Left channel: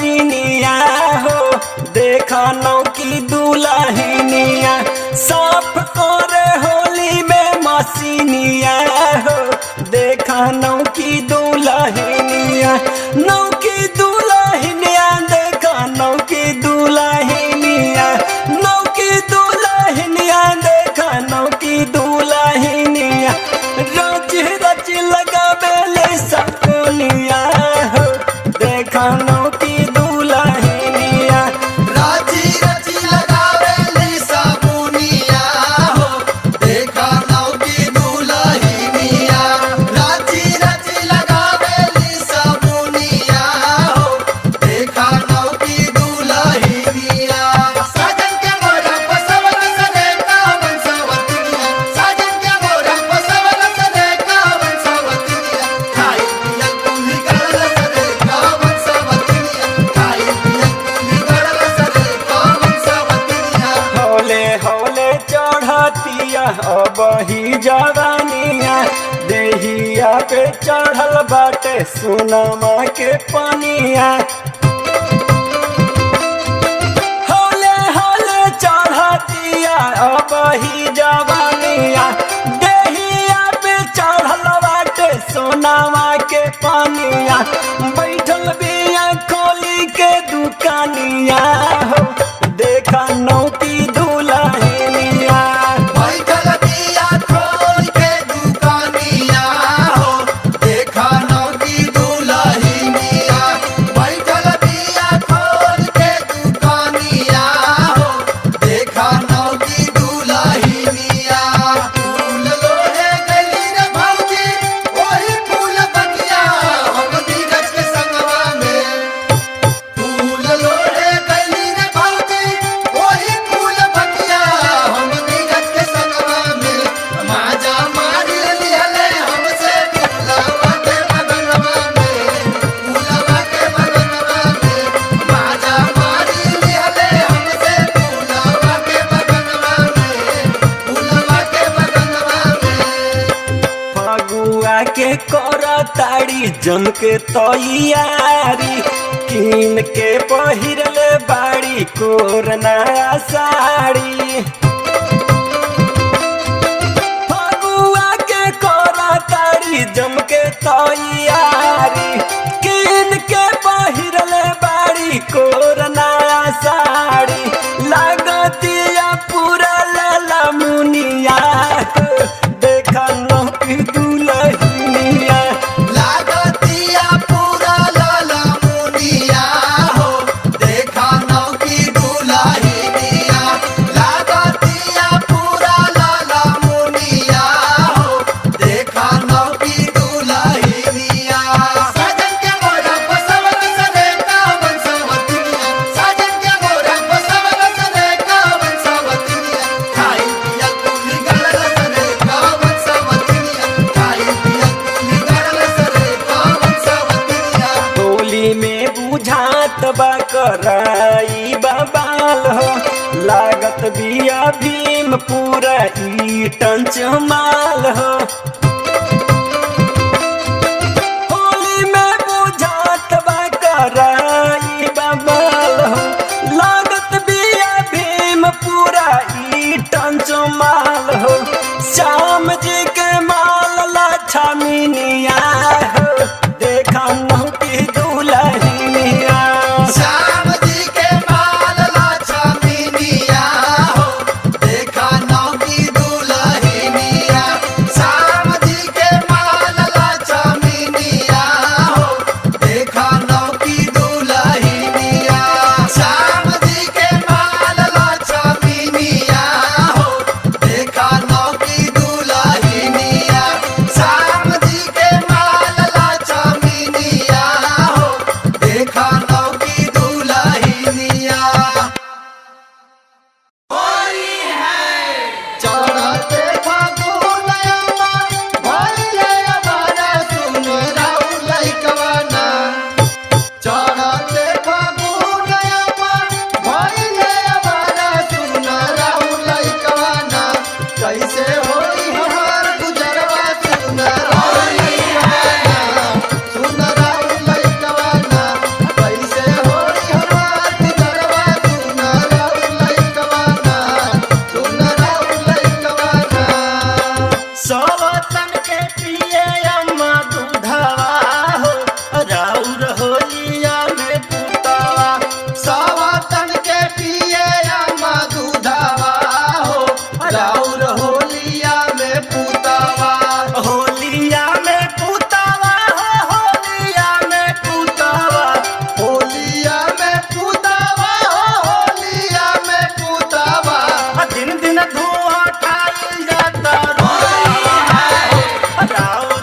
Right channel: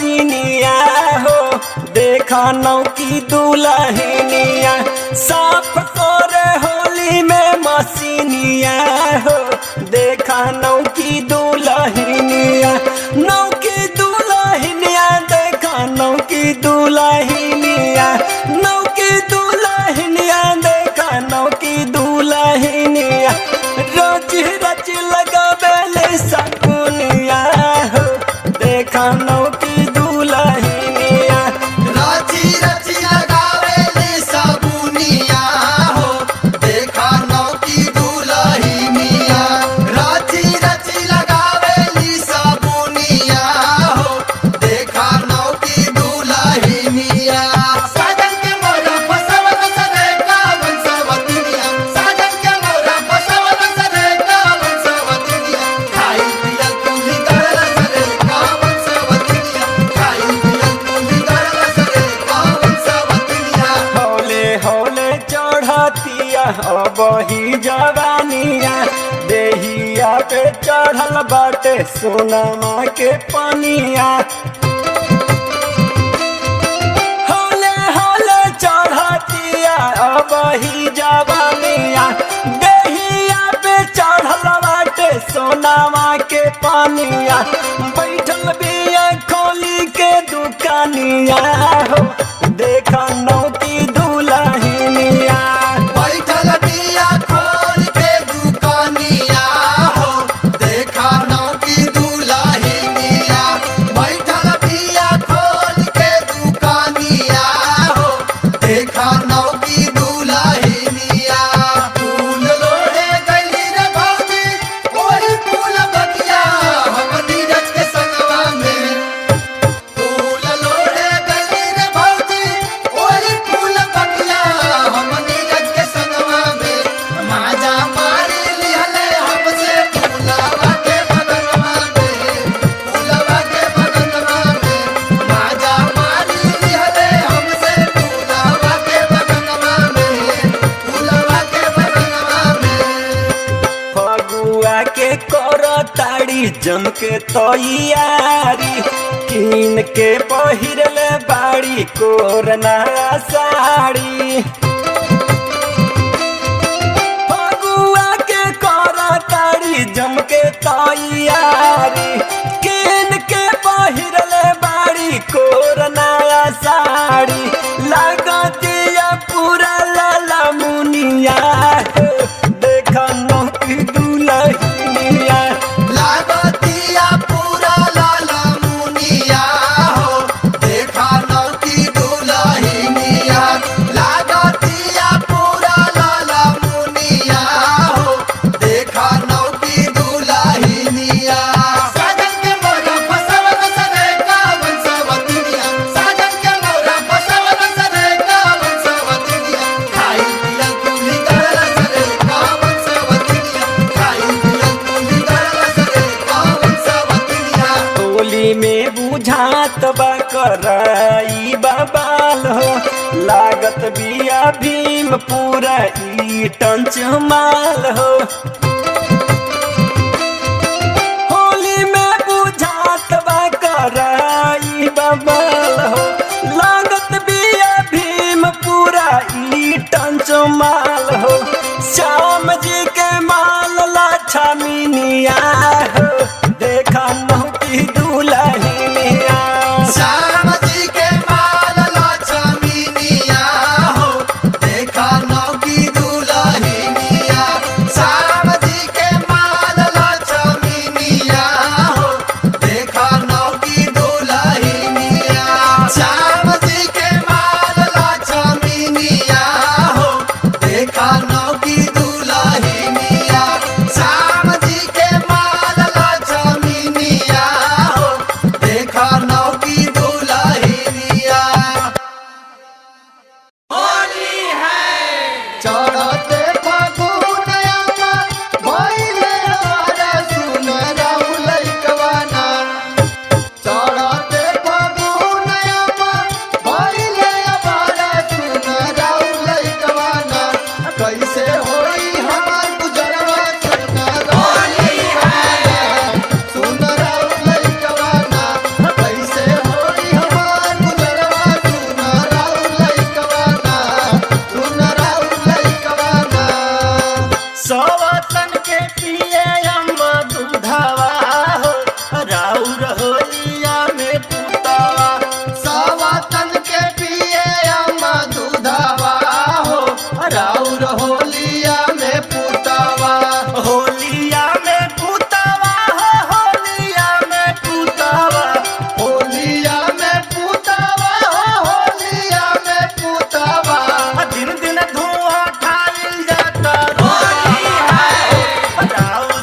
मसीनिया हो देखा नौ की दुल्हनिया साफ करे होली में मसीनिया हो देखा नौ की दुल्हनिया नौ की दुल्हनिया देखा नौ की दुल्हनिया नौ की दुल्हनिया देखा नौ की दुल्हनिया रोज रच लगावेले सकुनिया हो देखा नौ की दुल्हनिया राजी रची लगावेली साबुनिया हो देखा नौ की दुल्हनिया राजी रची लगावेली साबुनिया हो देखा नौ की दुल्हनिया साजन के मोरा फसवल सरे का वंशवतिनिया साजन के मोरा फसवल सरे का वंशवतिनिया खाई पियल कुली गरल सरे का वंशवतिनिया खाई पियल कुली गरल सरे का वंशवतिनिया हौले हौले चढ़तिया अब ही जवानिया देहिया पे चढ़ल बाटे सोनमा के पनिया हौले हौले चढ़तिया अब ही जवानिया देहिया पे चढ़ल बाटे सोनमा के पनिया बैठल बिया खोली के दुकानिया हो देखा नौ की दुल्हनिया बैठल बिया खोल के दुकानिया हो देखा नौ की दुल्हनिया बैठल बिया खोल के दुकानिया हो देखा नौ की दुल्हनिया फूल लोहे गली रे भौजी ओही फूल बगिया हम नीरज के संगवा में फूल लोहे गली रे भौजी ओही फूल बगिया हम नीरज के संगवा में माजा मार लिहले हमसे फूलवा के बगनवा में फूलवा के बगनवा में माजा मार लिहले हमसे फूलवा के बगनवा में फूलवा के बगनवा में फगुआ के कर ताड़ी जम के तैयारी कीन के पहिरले बाड़ी कोरना साड़ी फगुआ के कर ताड़ी जम के तैयारी कीन के पहिरले बाड़ी कोरना साड़ी लागतिया पूरा लाला मुनिया हो देखा नौ की दुल्हनिया लागतिया पूरा लाला मुनिया हो देखा नौ की दुल्हनिया लागतिया पूरा लाला मुनिया हो देखा नौ की दुल्हनिया साजन के मोरा फसवल सरे का वंशवतिनिया साजन के मोरा फसवल सरे का वंशवतिनिया खाई पियल कुली गरल सरे का वंशवतिनिया खाई पियल कुली गरल सरे का वंशवतिनिया होली में बुझात बा कराई बबाल हो लागत बिया भीम पूरा ईटन चमाल हो होली में बुझात बा कराई बबाल हो लागत बिया भीम पूरा ईटन चमाल हो श्याम जी के माल लाछा मिनिया हो देखा नौ की दुल्हनिया श्याम जी के माल लाछा मिनिया हो देखा नौ की दुल्हनिया श्याम जी के माल लाछा मिनिया हो देखा नौ की दुल्हनिया श्याम जी के माल लाछा मिनिया हो देखा नौ की दुल्हनिया श्याम जी के माल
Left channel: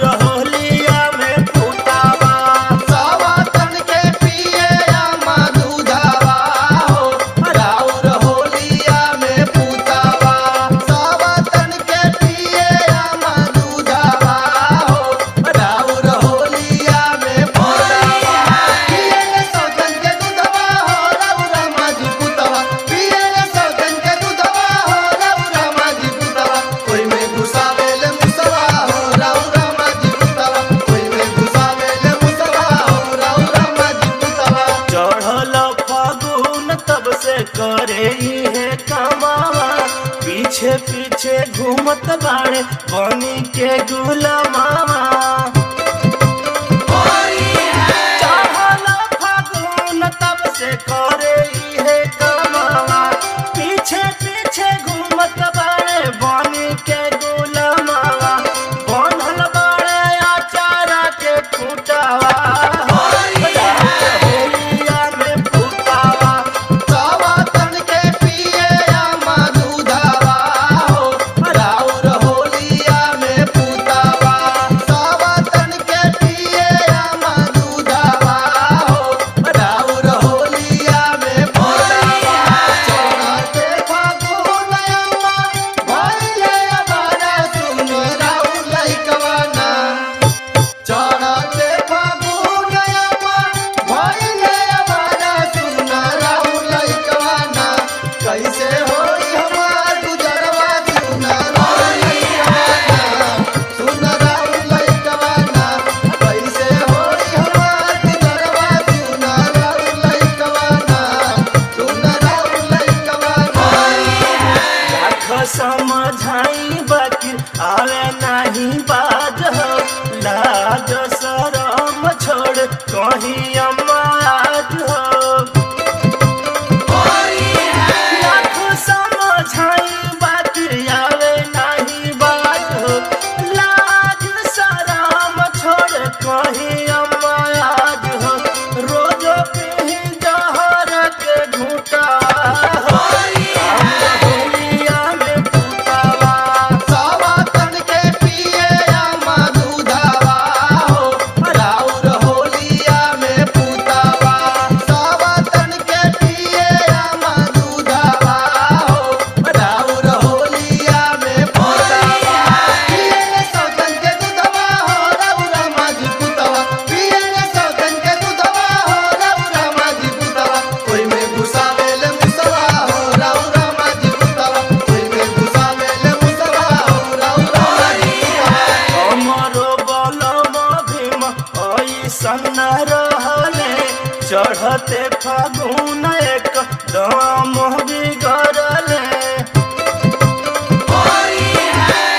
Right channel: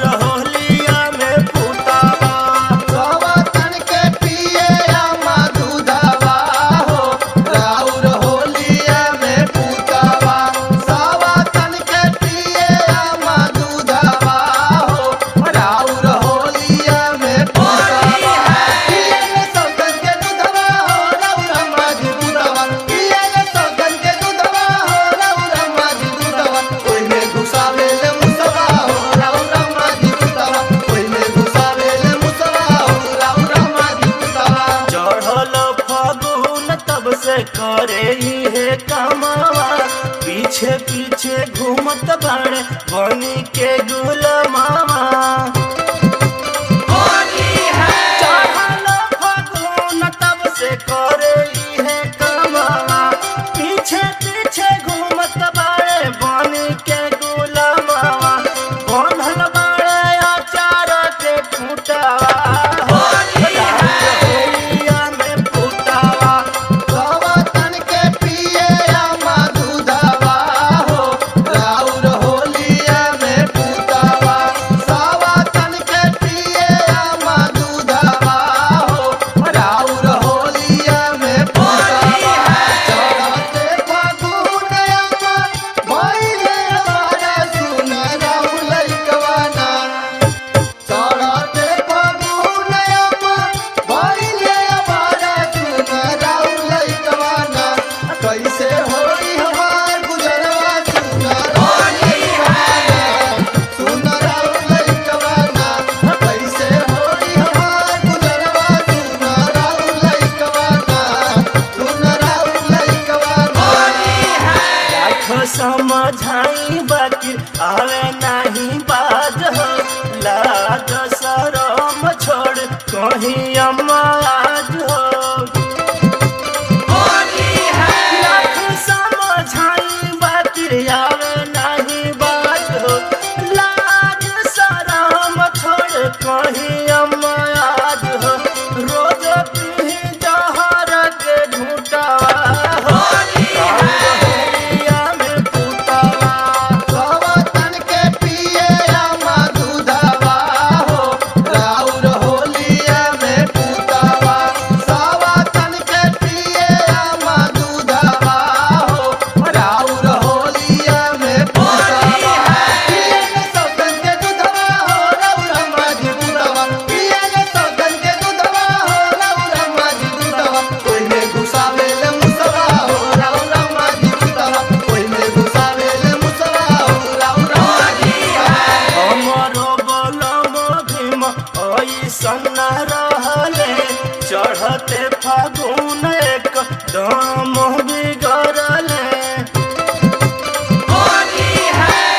राउर होलिया में फूटावा सवातन के पिए अम्मा दूधावा हो राउर होलिया में पूतावा सवातन के पिए अम्मा दूधावा हो राउर होलिया में पूतावा पिए सौतन के दूधवा हो राउर अम्मा जी दूधवा पिए सौतन के दूधवा हो राउर अम्मा जी दूधवा कोई में घुसावेले मुसवा हो राउर अम्मा जी दूधवा कोई में घुसावेले मुसवा हो राउर अम्मा जी दूधवा चढ़ल फागुन तब से करे है कमावा पीछे पीछे घूमत बाड़े बनी के गुलमावा चढ़ल फागुन तब से करे है कमावा पीछे पीछे घूमत बाड़े बनी के गुलमावा बनल बाड़े अचार के खूंटावा होलिया में फूटावा सवातन के पिए अम्मा दूधावा हो राउर होलिया में पूतावा सवातन के पिए अम्मा दूधावा हो राउर होलिया में पूतावा चढ़ते फागुन अम्मा भइले अमारा सुन राउर लइकवाना चढ़ते फागुन अम्मा भइले अमारा सुन राउर लइकवाना कैसे होई हमार गुजरवा सुन राउर लइकवाना कैसे होई हमार गुजरवा सुन राउर लइकवाना लाख समझाई बाकी आवे नहीं बाज हो लाज शरम छोड़ कहीं अमाज हो लाख समझाई बाकी आवे नहीं बाज हो लाज शरम छोड़ कहीं अमाज हो रोज पी जहर के घूटावा हो राउर होलिया में फूटावा सवातन के पिए अम्मा दूधावा हो राउर होलिया में पूतावा सवातन के पिए अम्मा दूधावा हो राउर होलिया में पूतावा पिए सौतन के दूधवा हो राउर अम्मा जी दूधवा पिए सौतन के दूधवा हो राउर अम्मा जी दूधवा कोई में घुसावेले मुसवा हो राउर अम्मा जी दूधवा कोई में घुसावेले मुसवा हो राउर अम्मा जी हमरो बलम भीम ऐसन रहले चढ़ते फागुन एक दम बिगड़ले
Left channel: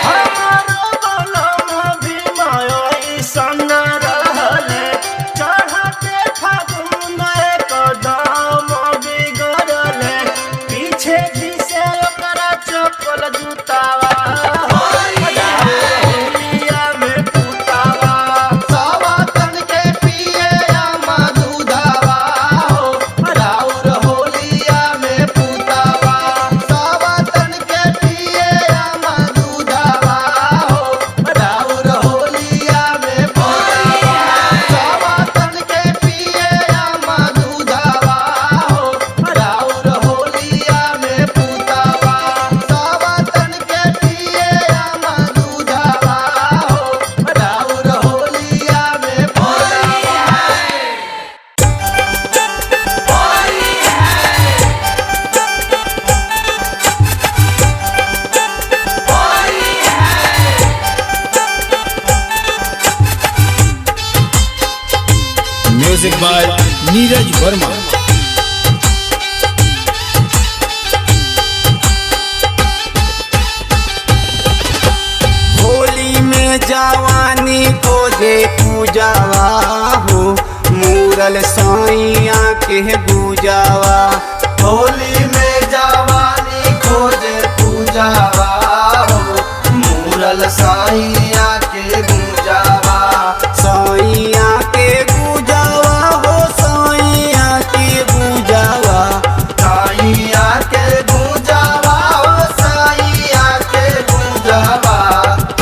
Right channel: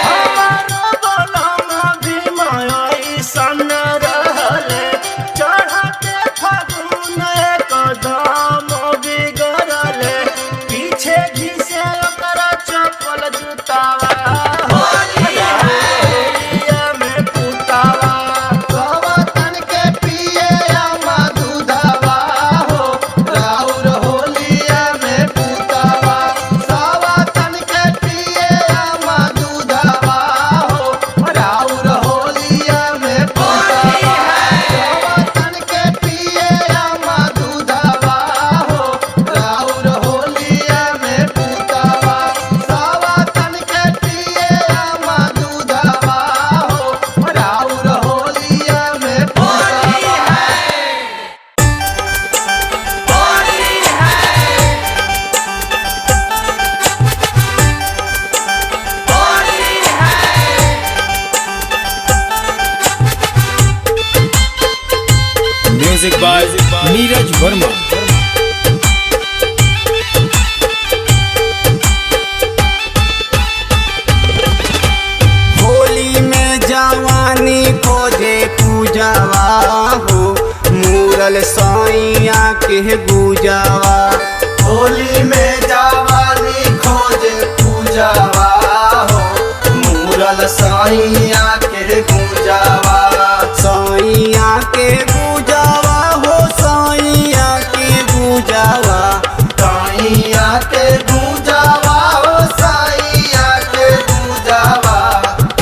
हमरो बलम भीम ऐसन रहले चढ़ते फागुन एक दम बिगड़ले पीछे घिसे ओकरा चप्पल जूतावा हो होलिया में फूटावा सवातन के पिए अम्मा दूधावा हो राउर होलिया में पूतावा सवातन के पिए अम्मा दूधावा हो राउर होलिया में पूतावा सवातन के पिए अम्मा दूधावा हो राउर होलिया में पूतावा सवातन के पिए अम्मा दूधावा हो राउर होलिया में म्यूजिक बाय नीरज वर्मा। होली में जवानी खोजे पूजावा हो मूरल सैया के गुजावा होली में जवानी खोजे पूजावा हो मूरल साइया के गुंजावा सैया के गुजावा हो सैया के गुजावा साइया के गुंजावा हो साइया के गुंजावा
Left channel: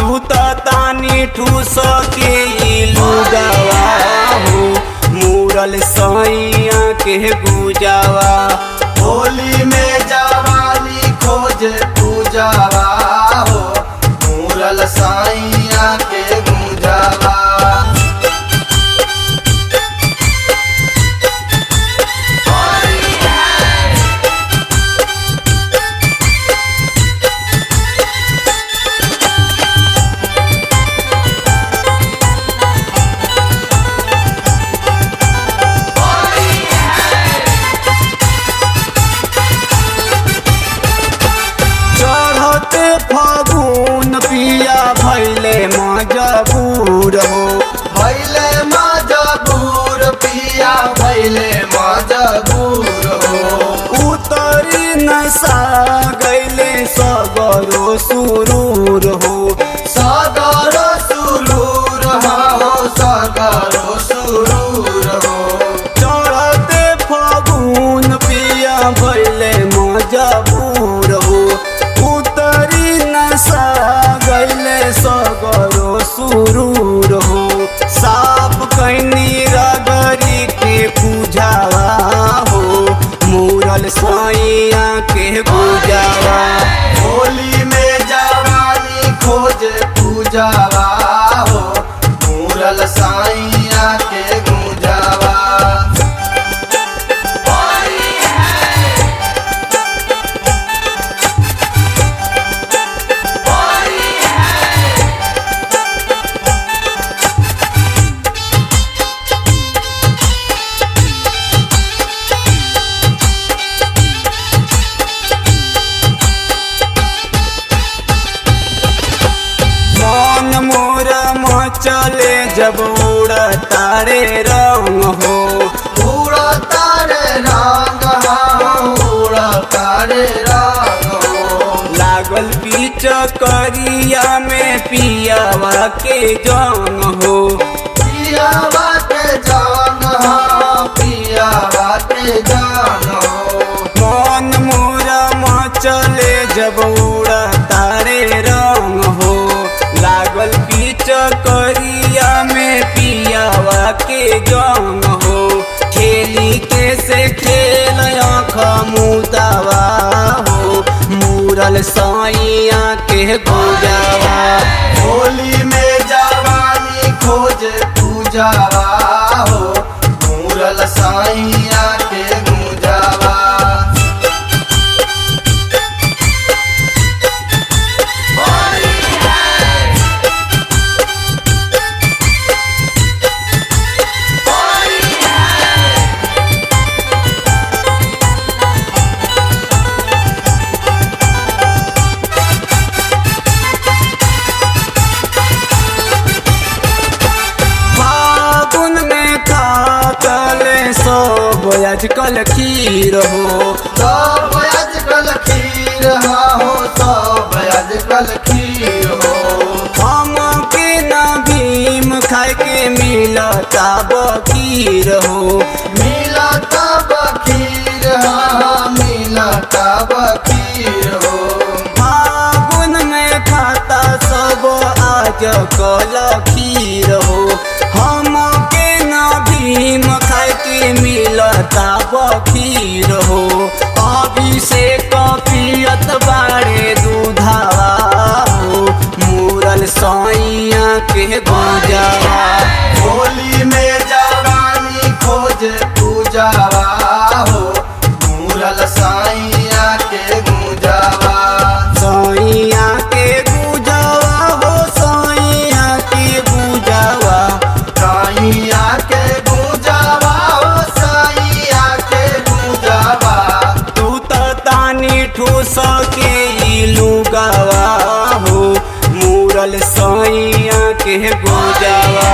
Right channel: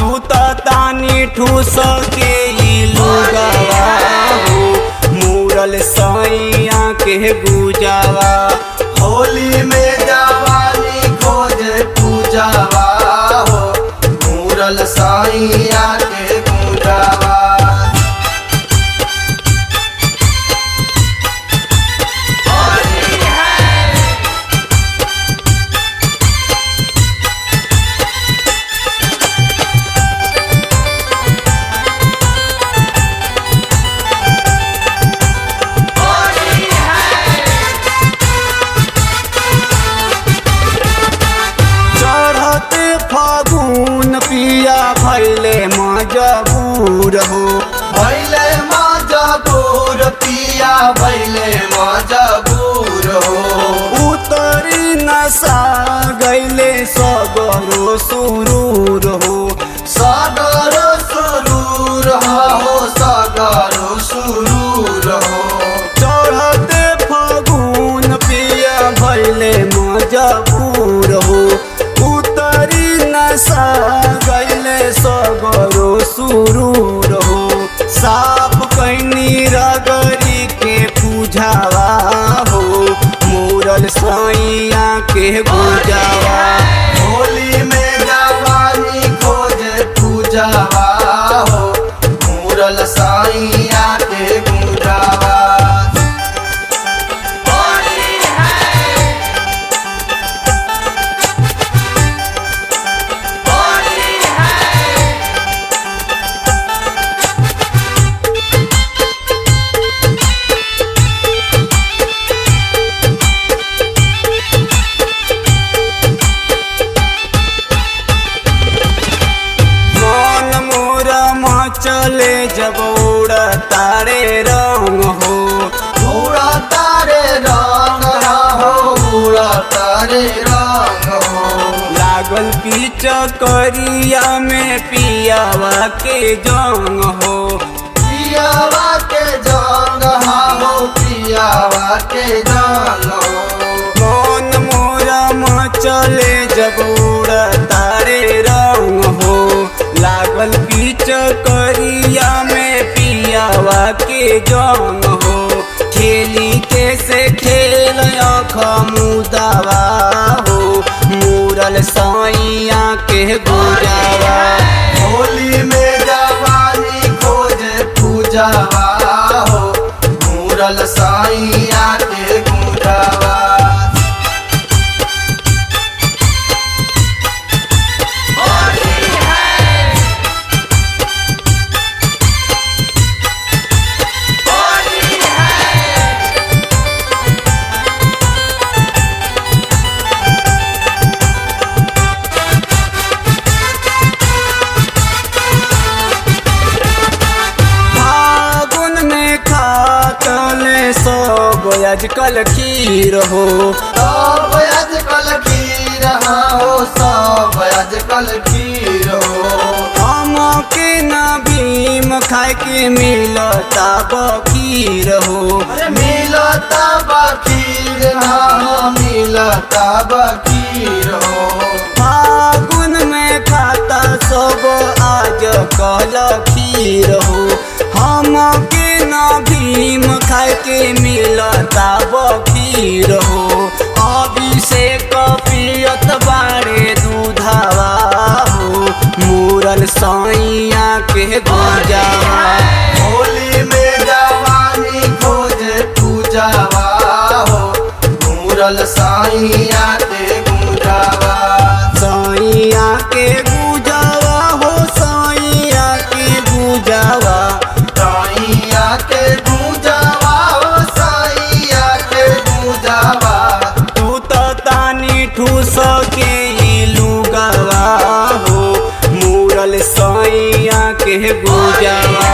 तू तो तानी ठूस के ई लुगावा हो मूरल सैया के गुजावा। होली में जवानी खोजे पूजावा हो मूरल साइया के गुजावा। चढ़ते फागुन पिया भैले मजबूर हो भैले मजबूर पिया भैले मजबूर हो। उतरी नशा गैले सगरो सुरूर हो सागरो सुरूर हो सागरो सुरूर हो। चढ़ते फागुन पिया भैले मजबूर हो उतरी नशा गैले सगरो सुरूर हो। साफ कैनी रगरी के पूजावा हो मूरल सैया के गुजावा। होली में जवानी खोजे पूजावा हो मूरल साइया के गुजावा। मन मोर मचले जब उड़ तारे रंग हो उड़ा तारे रंग हो उड़ा तारे रंग हो। लागल पीच करिया में पियावा के जंग हो पियावा के जंग हो पियावा के जंग हो। मन मोरा मचले जब उड़ तारे रंग हो लागल पीच करिया में पियावा के जंग हो। खेली के से खेल आँख मुदावा हो मूरल सैया के गुजावा। होली में जवानी खोजे पूजावा हो मूरल साइया के गुजावा। फागुन में खातले सब आजकल खीर हो सब आजकल खीर हो सब आजकल खीर हो। हम के न भीम खाए के मिलता बखीर हो मिलता बखीर हो मिलता बखीर हो। फागुन में खाता सब आज कल खीर हो हम के न भीम खाए के मिलता बखीर हो। अभिषेक पियत बारे दूधावा हो मूरल सैया के गुजावा। होली में जवानी खोजे पूजावा हो मूरल साइया के गुजावा। सैया के गुजावा हो सैया के गुजावा। साइया के गुजावा हो साइया के गुजावा। तू तो तानी ठूस के ई लुगावा हो मूरल सैया के गुजावा।